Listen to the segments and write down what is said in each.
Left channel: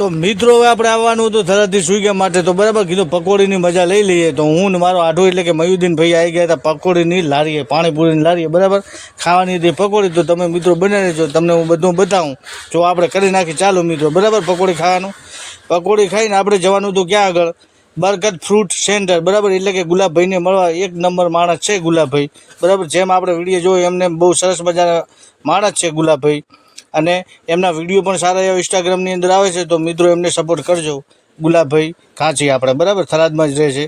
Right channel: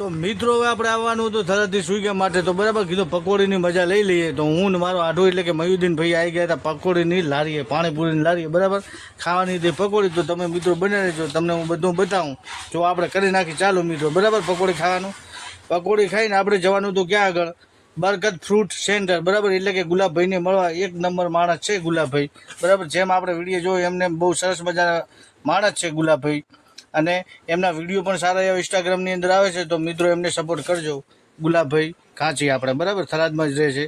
તો મિત્રો હવે આપણે આવવાનું હતું થરાદથી સુઈગા માટે, તો બરાબર કીધું પકોડીની મજા લઈ લઈએ. તો હું ને મારો આઢો એટલે કે મયુદ્દીન ભાઈ આવી ગયા હતા પકોડીની લારીએ, પાણીપુરીની લારીએ, બરાબર ખાવાની હતી પકોડી. તો તમે મિત્રો બનાવી લેજો, તમને હું બધું બતાવું. જો આપણે કરી નાખી ચાલો મિત્રો, બરાબર પકોડી ખાવાનું. પકોડી ખાઈને આપણે જવાનું હતું ક્યાં આગળ, બરકત ફ્રૂટ સેન્ટર, બરાબર એટલે કે ગુલાબભાઈને મળવા. એક નંબર માણસ છે ગુલાબભાઈ, બરાબર જેમ આપણે વિડીયો જોયો એમને બહુ સરસ મજાના માણસ છે ગુલાબભાઈ, અને એમના વિડીયો પણ સારા એવા ઇન્સ્ટાગ્રામની અંદર આવે છે. તો મિત્રો એમને સપોર્ટ કરજો. ગુલાબભાઈ કાંચી આપણે બરાબર થરાદમાં જ રહે છે.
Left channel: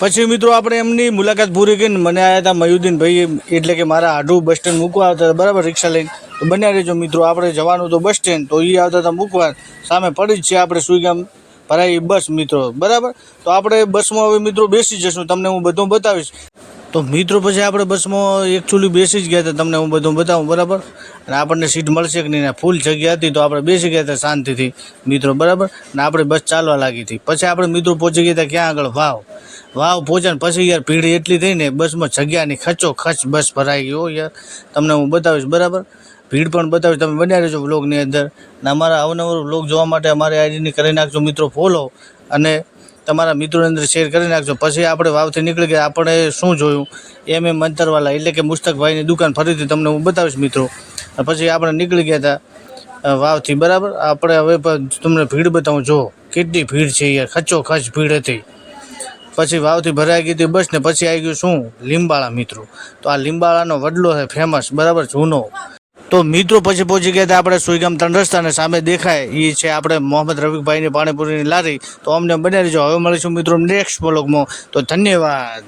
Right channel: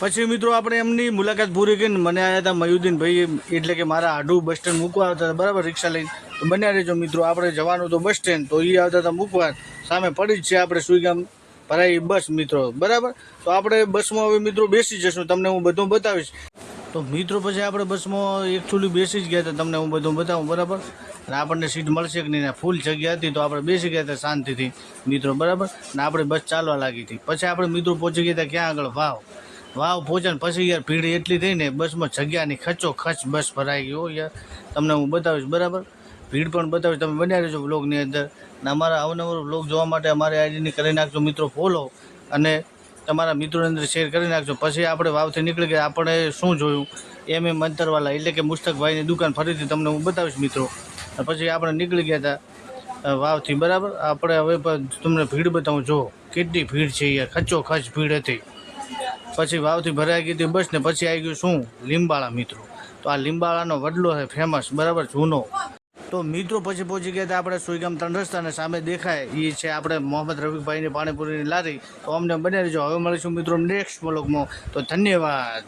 પછી મિત્રો આપણે એમની મુલાકાત પૂરી કરીને મને આવ્યા હતા મયુદ્દીન ભાઈ, એટલે કે મારા આઢું બસ સ્ટેન્ડ મૂકવા આવતા હતા, બરાબર રિક્ષા લઈને. તો બન્યા રહેજો મિત્રો, આપણે જવાનું તો બસ સ્ટેન્ડ, તો એ આવતા હતા મૂકવા. સામે પડી જ છે આપણે સુઈગામ ભરાઈ બસ મિત્રો, બરાબર. તો આપણે બસમાં હવે મિત્રો બેસી જશું, તમને હું બધું બતાવીશ. તો મિત્રો પછી આપણે બસમાં એકચ્યુઅલી બેસી જ ગયા હતા, તમને હું બધું બતાવું, બરાબર. અને આપણને સીટ મળશે કે નહીં, ફૂલ જગ્યા હતી તો આપણે બેસી ગયા હતા શાંતિથી મિત્રો, બરાબર. અને આપણે બસ ચાલવા લાગી હતી. પછી આપણે મિત્રો પહોંચી ગયા હતા ક્યાં આગળ, વાવ પહોંચ્યા. પછી યાર ભીડ એટલી થઈ ને બસમાં, જગ્યાની ખચોખચ બસ ભરાઈ ગઈ હો યાર, તમને હું બતાવીશ, બરાબર. ભીડ પણ બતાવીશ, તમે બન્યા રહેજો વ્લોગની અંદર. અને અમારા અવનવર વ્લોગ જોવા માટે અમારી આઈડીને કરી નાખજો મિત્રો ફોલો, અને તમારા મિત્રોની અંદર શેર કરી નાખજો. પછી આપણે વાવથી નીકળી ગયા. આપણે શું જોયું એમ મંતરવાલા એટલે કે મુસ્તકભાઈની દુકાન ફરીથી તમને હું બતાવીશ મિત્રો. પછી આપણે નીકળી ગયા હતા વાવથી, બરાબર. આપણે હવે તમને ભીડ બતાવું, જો કેટલી ભીડ છે યાર, ખચોખચ ભીડ હતી. પછી વાવથી ભરાઈ ગઈ હતી બસ ને. પછી આવી ગયું શું, લીંબાળા મિત્રો. તો આ લીંબાળાનો વડલો છે ફેમસ, બરાબર જૂનો. તો મિત્રો પછી પહોંચી ગયા હતા આપણે સુઈગામ 3 રસ્તાને સામે દેખાય એ છે આપણે મોહમ્મદ રફીકભાઈની પાણીપુરીની લારી. તો અમને બનાવી દેજો. હવે મળીશું મિત્રો નેક્સ્ટ વ્લોગમાં. તો ધન્યવાદ.